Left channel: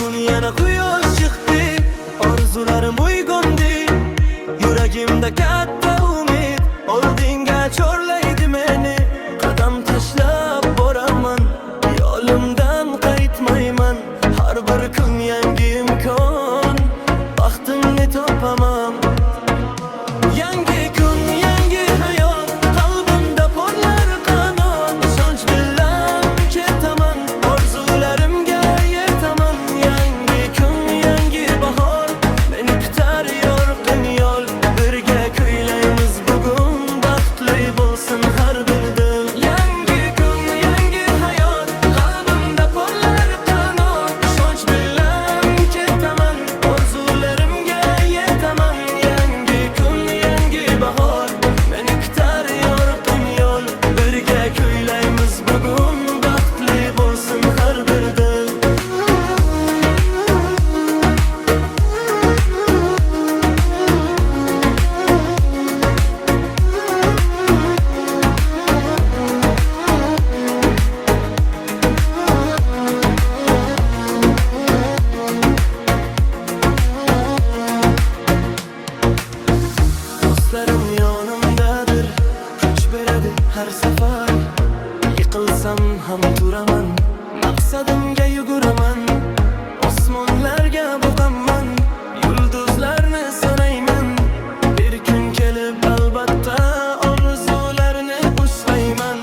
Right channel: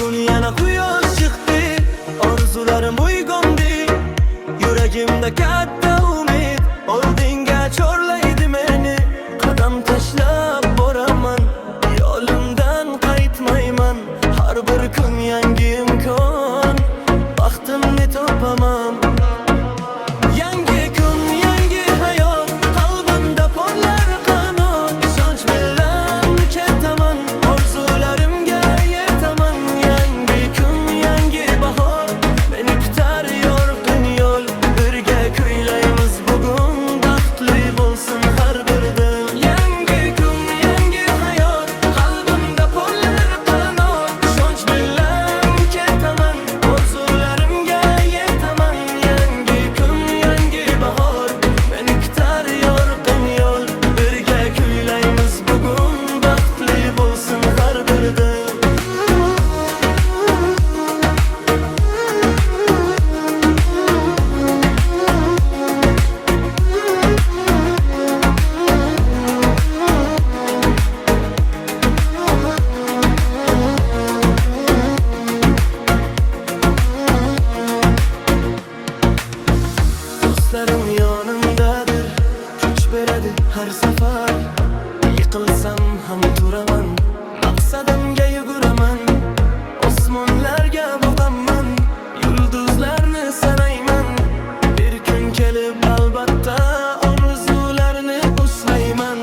bugun yana quyosh chiqdi, orzularim uyg'ondi. Yuragimda katta umid, oldinga chorlaydi meni. Qadam tashlab boraman, yo'limdan qaytmayman. Har bir kun yangi imkon, baxtimni topaman. Yangi kun, yangi hayot, qalbimda porlar qanot. Ishonch bilan ketaman, orzularimga yetaman. Yangi kun, yangi bahor, meni kutar yorqin yo'l. Birga kuylaymiz bugun, baxtli bo'lsin har bir dil. Yangi kun, yangi hayot, qalbimda porlar qanot. Ishonch bilan ketaman, orzularimga yetaman. Yangi kun, yangi bahor, meni kutar yorqin yo'l. Birga kuylaymiz bugun, baxtli bo'lsin har bir dil. Do'stlarim yonimdadir, kuch beradi har safar. Yiqilsam ham turaman, maqsadimga yuguraman. Osmonlarga boqaman, yulduzlarni sanayman. Bir kun kelib albatta orzularni ushlayman.